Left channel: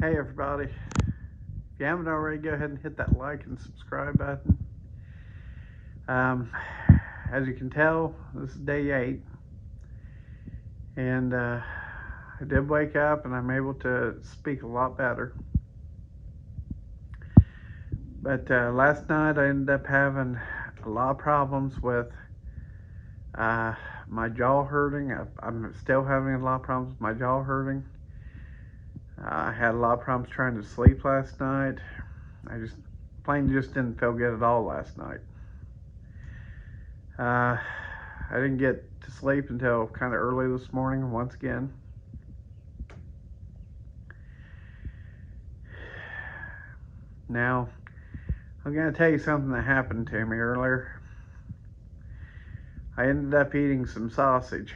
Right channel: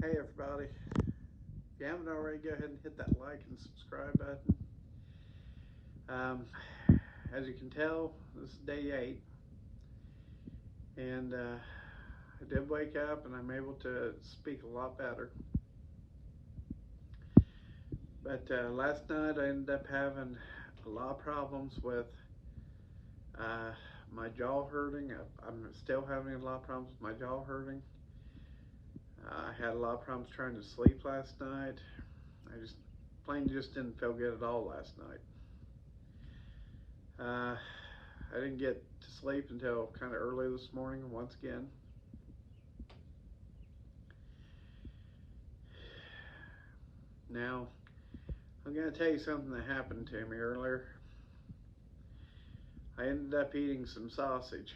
Hey everybody, if you haven't already, go ahead and hit that like and subscribe button. As you can tell, this is day 8, and I did wake up and I'm able to speak a lot better. But last night I ended up having a lot of problems with my jaw hurting. I'm still having a lot of problems with my jaw hurting. I had a lot of problems trying to sleep last night. I just didn't feel good at all last night. I didn't get to sleep until kind of early this morning once again. Now, I'm going to tell you something that happened to me earlier. I ended up eating some sausage.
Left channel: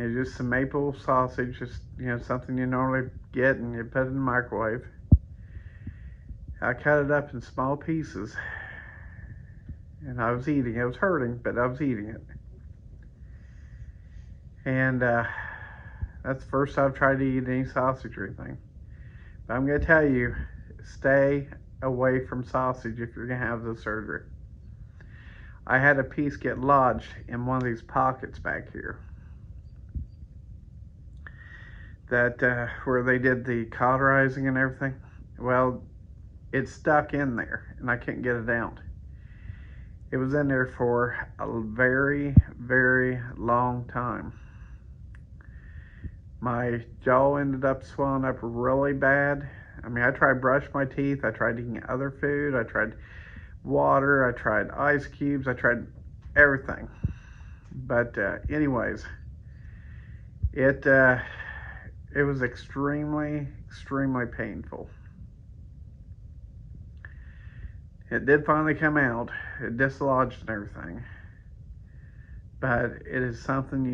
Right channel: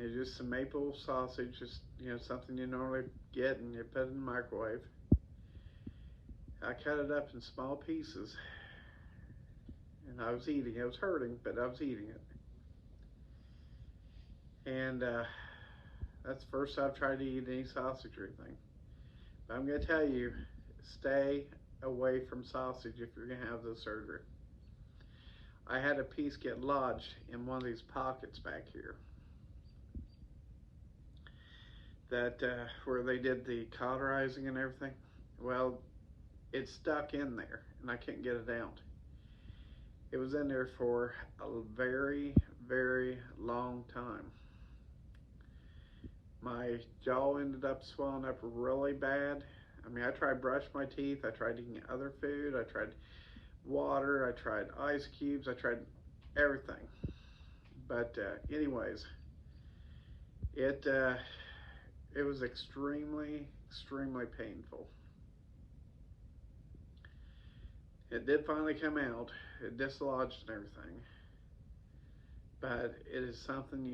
It's just some maple sausage, just something you normally get and you put it in the microwave. I cut it up in small pieces, and I was eating it. It was hurting, but I was eating it. And that's the first I've tried to eat any sausage or anything. But I'm going to tell you, stay away from sausage if you're going to have the surgery. I had a piece get lodged in one of these pockets back here. That where they did the cauterizing and everything. Well, it stuck in there and I couldn't get it out. It was in there for a very, very long time. My jaw ended up swelling up really bad. I mean, I tried brushing my teeth, I tried eating other food, I tried water, I tried ice cubes, I tried everything. But anyways, it was extremely, extremely painful. It did finally come out. It dislodged and everything. But it is something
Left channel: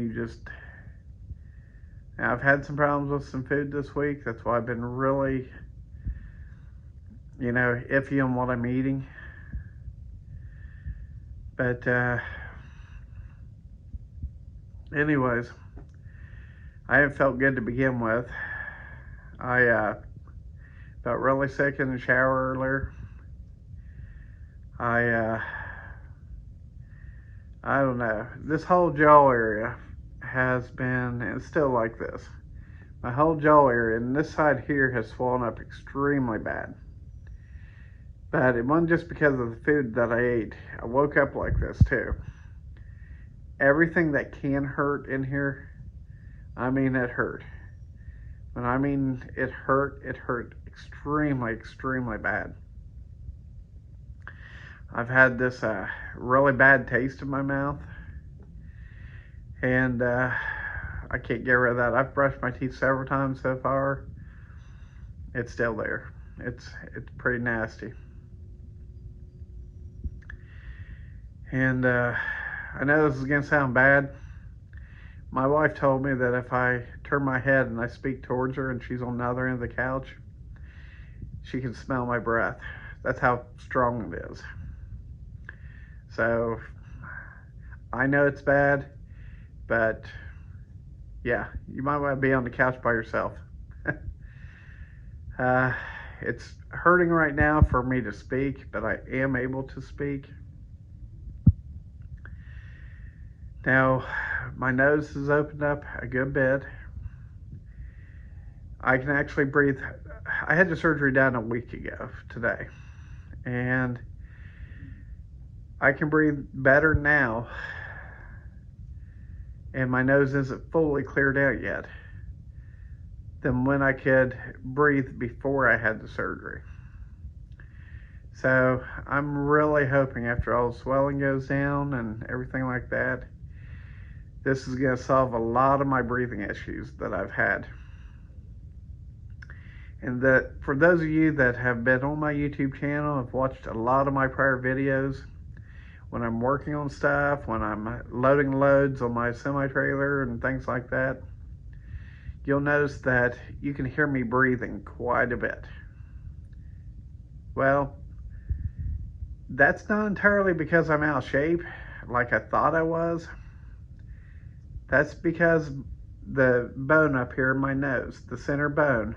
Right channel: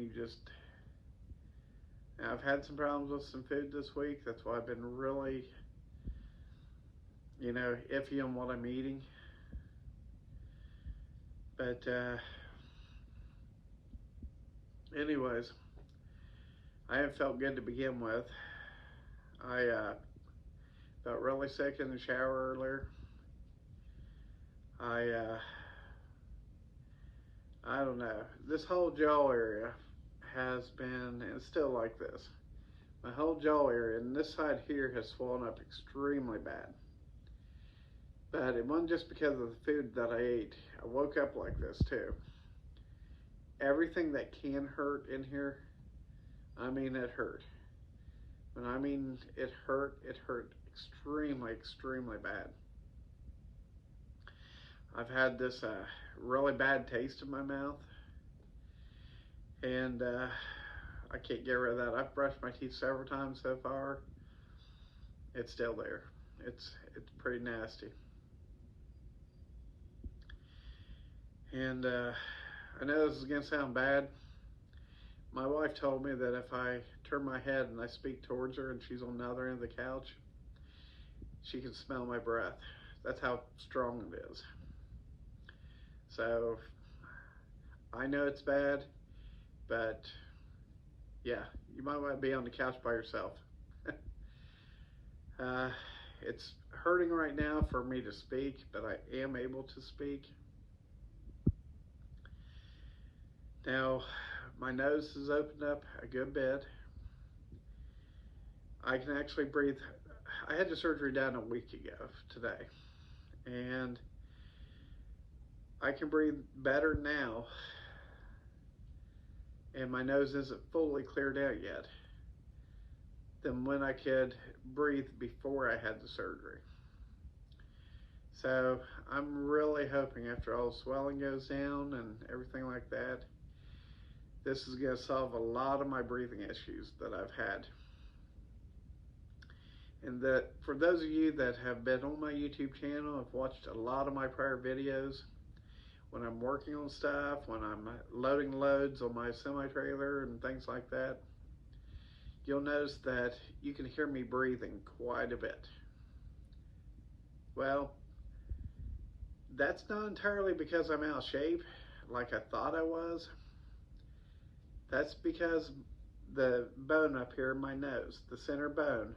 now, I've had some problems with some food this week. That's why I've been really, iffy on what I'm eating. But anyways, I haven't felt good to begin with. I felt really sick in the shower earlier. I don't know. This whole jaw area has been, and it's still like this. My whole jaw area, and this side here has swollen up extremely bad. But it wasn't just because of the food that I ate. I woke up like this too. Everything that can hurt in here, I mean it hurt. When I mean it hurt extremely, extremely bad. I've had this really bad taste in my mouth, and I can't get rid of that. I've brushed my teeth several times so far. It's still there. It's pretty nasty. And I know this is going to sound bad. My wife told me that if I turn my head and I speak towards her and she's on the other end of the couch, she can smell my breath. That's how strong it is. So I know it's bad, but yeah, you might want to be on the couch by yourself. It's hurting right now for me to speak, but I am able to speak. Now, my nose has opened up a good bit. I can actually breathe. I had the surgery done a week ago today, and I can breathe better now, and my nose isn't fully cleared out yet, than when I could breathe before I had the surgery. So I'm really hoping after all the swelling goes down and everything like that, this is going to solve a lot of my breathing issues that I've had. And that for those of you that have been on my YouTube channel, have watched a lot of my prior videos, when I'm working on stuff, when I'm loading loads on my semi-trailer and things like that, you'll notice that you can hear me breathing quite a bit. Well, that's not entirely because I'm out of shape like I thought I was. That's because the bone up here in my nose, the center bone,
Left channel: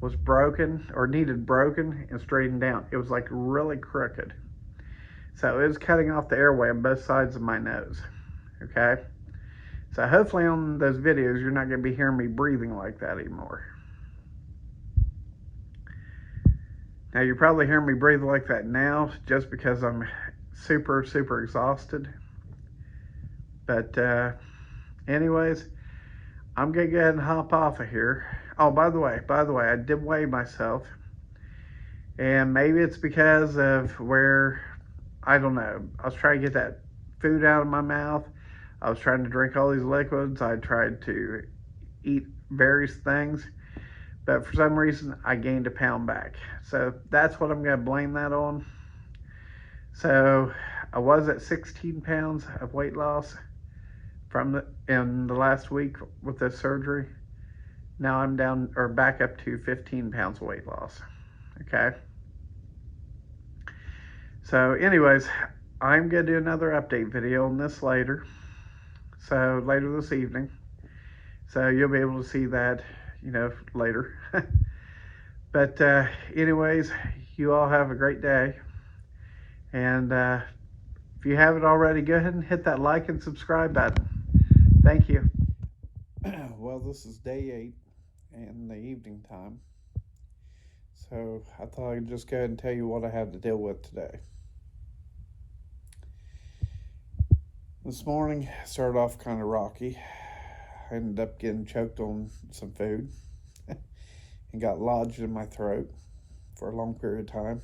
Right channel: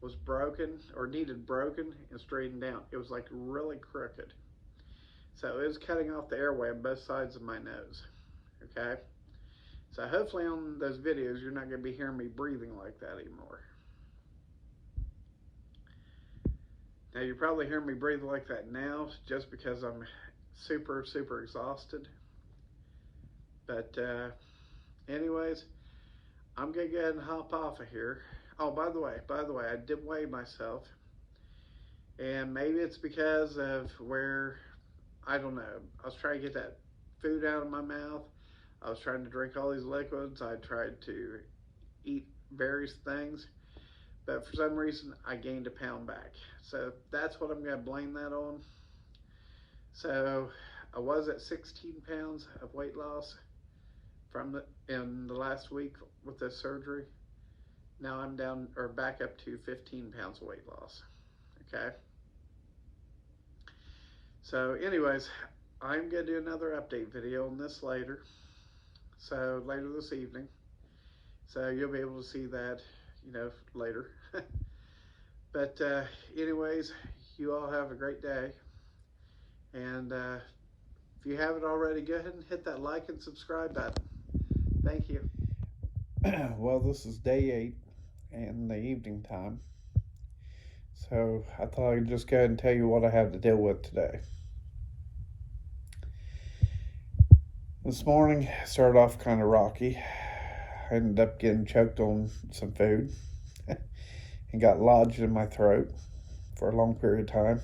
was broken or needed broken and straightened down. It was like really crooked. So it was cutting off the airway on both sides of my nose. Okay? So hopefully on those videos you're not going to be hearing me breathing like that anymore. Now you're probably hearing me breathe like that now just because I'm super, super exhausted. But anyways, I'm going to go ahead and hop off of here. Oh, by the way, I did weigh myself. And maybe it's because of where, I don't know, I was trying to get that food out of my mouth. I was trying to drink all these liquids. I tried to eat various things. But for some reason, I gained a pound back. So that's what I'm going to blame that on. So I was at 16 pounds of weight loss in the last week with this surgery. Now I'm down or back up to 15 pounds of weight loss. Okay. So anyways, I'm going to do another update video on this later. So later this evening. So you'll be able to see that, later. But anyways, you all have a great day. And if you haven't already, go ahead and hit that like and subscribe button. Thank you. Well, this is day 8 in the evening time. So I thought I'd just go ahead and tell you what I have to deal with today. This morning started off kind of rocky. I ended up getting choked on some food and got lodged in my throat for a long period of time.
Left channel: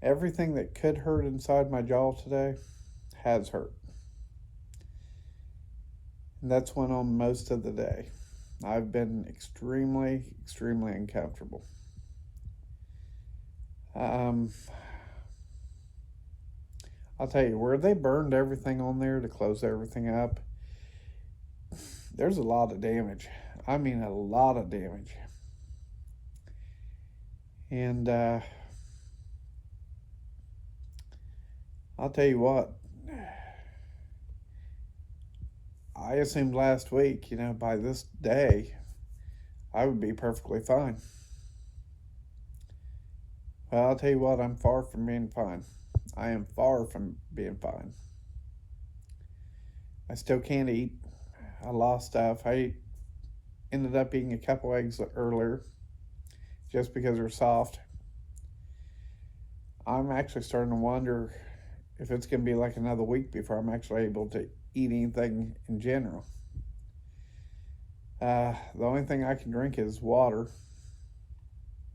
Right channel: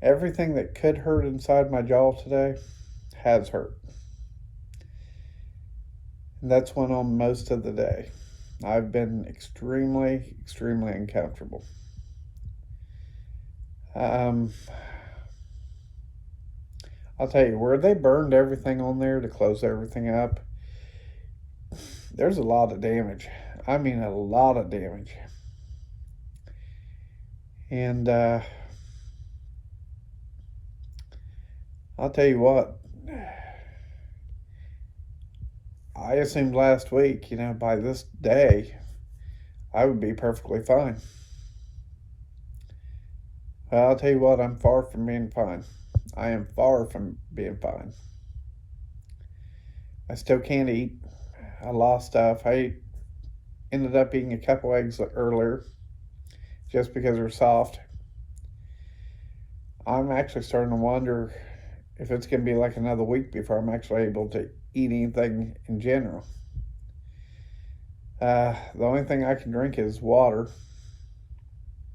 Everything that could hurt inside my jaw today has hurt. And that's went on most of the day. I've been extremely, extremely uncomfortable. I'll tell you, where they burned everything on there to close everything up, there's a lot of damage. I mean, a lot of damage. And I'll tell you what, I assumed last week, by this day, I would be perfectly fine. Well, I'll tell you what, I'm far from being fine. I am far from being fine. I still can't eat. I lost stuff. I ended up eating a couple eggs earlier just because they're soft. I'm actually starting to wonder if it's going to be like another week before I'm actually able to eat anything in general. The only thing I can drink is water.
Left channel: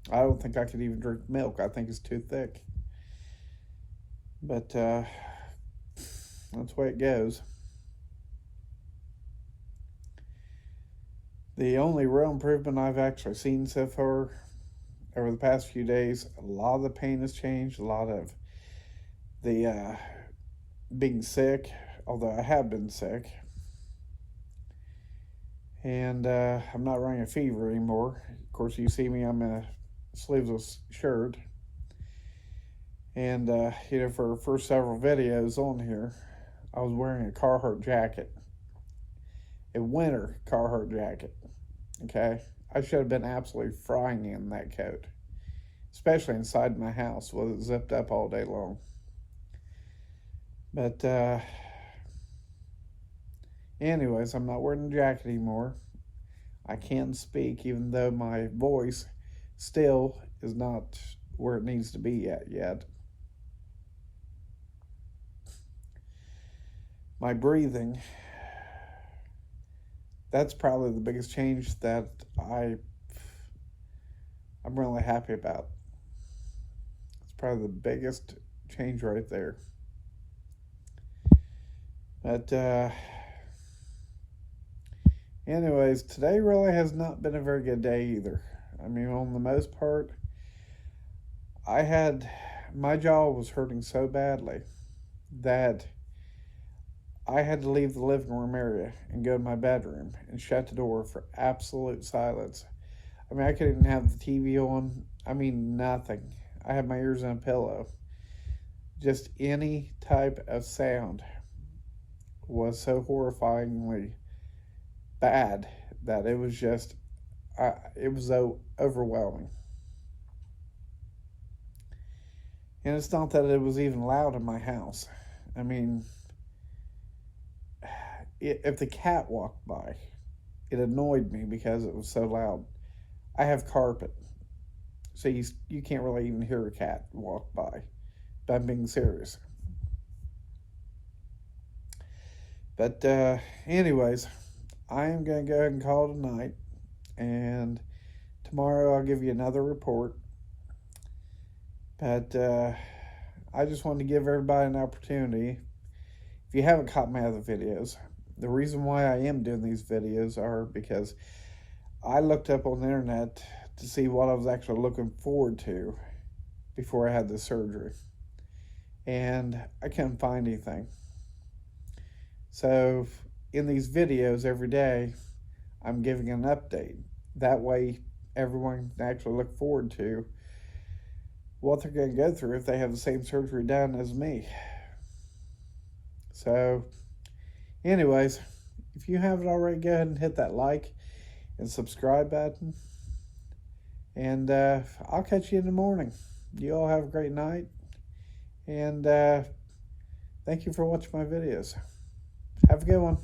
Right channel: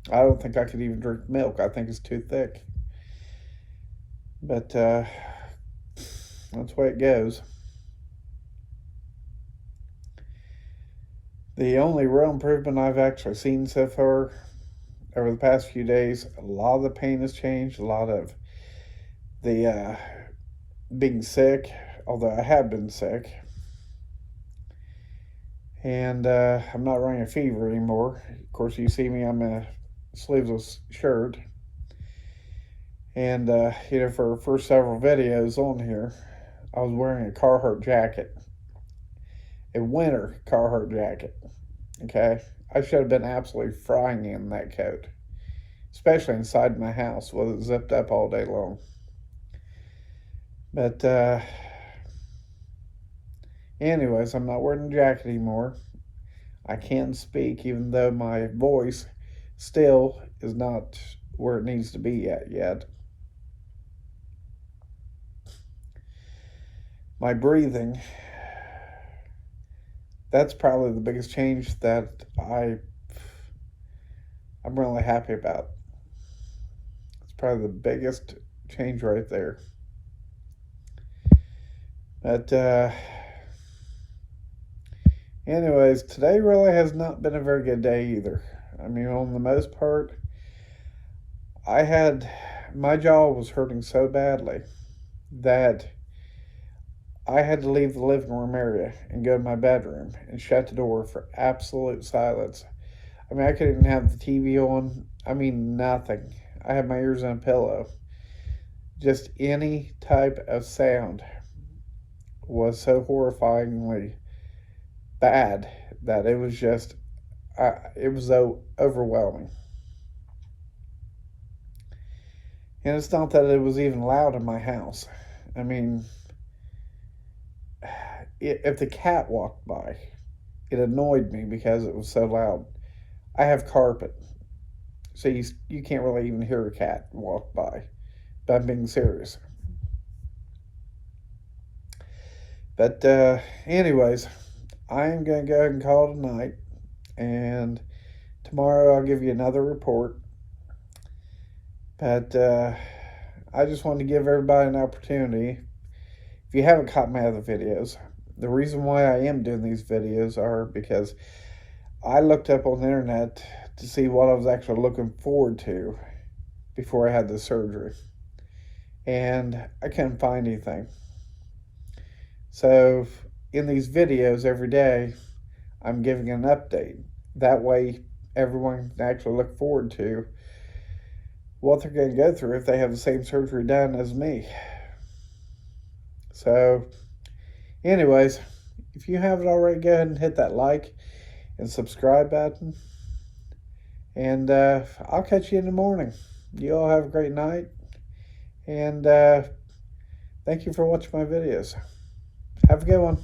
I don't think I could even drink milk. I think it's too thick. But that's the way it goes. The only real improvement I've actually seen so far over the past few days, a lot of the pain has changed, a lot of the being sick, although I have been sick. And I'm not running a fever anymore. Of course, you see me, I'm in a sleeveless shirt. And, for the first several videos on here, I was wearing a Carhartt jacket. A winter Carhartt jacket. Okay? I should have been absolutely frying in that coat. Especially inside my house with it zipped up all day long. But, anyways, I'm not wearing a jacket anymore. I can speak, even though my voice still is not where it needs to be yet. My breathing, that's probably the biggest change that I'm really happy about. It's probably the biggest change right there. But anyways, today really has not been a very good day either. I mean, on the most part, my jaw was hurting so badly that I had to leave the living room area and go to my bedroom and shut the door for absolute silence. I mean, I couldn't even have the TV on. I mean, nothing. I had my ears on a pillow. just any type of sound was so horrifyingly bad that it was just, it was so overwhelming. And it's not that it was even loud in my house. I mean, if the cat walked by, it annoyed me because it was so loud. I have carpet, so you can't really even hear a cat walk by. But I'm being serious. But anyways, I am going to go ahead and call it a night. And tomorrow I'll give you another report. But I just wanted to give everybody an opportunity. If you haven't caught my other videos, the reason why I am doing these videos are because I looked up on the internet to see what I was actually looking forward to before I had the surgery. And I couldn't find anything. So in these videos every day, I'm giving an update. That way everyone can actually look forward to what they're going to go through if they have the same surgery done as me. So anyways, if you haven't already, go ahead and hit that like and subscribe button. And I'll catch you in the morning. You all have a great night. And thank you for watching my videos. Have a good one.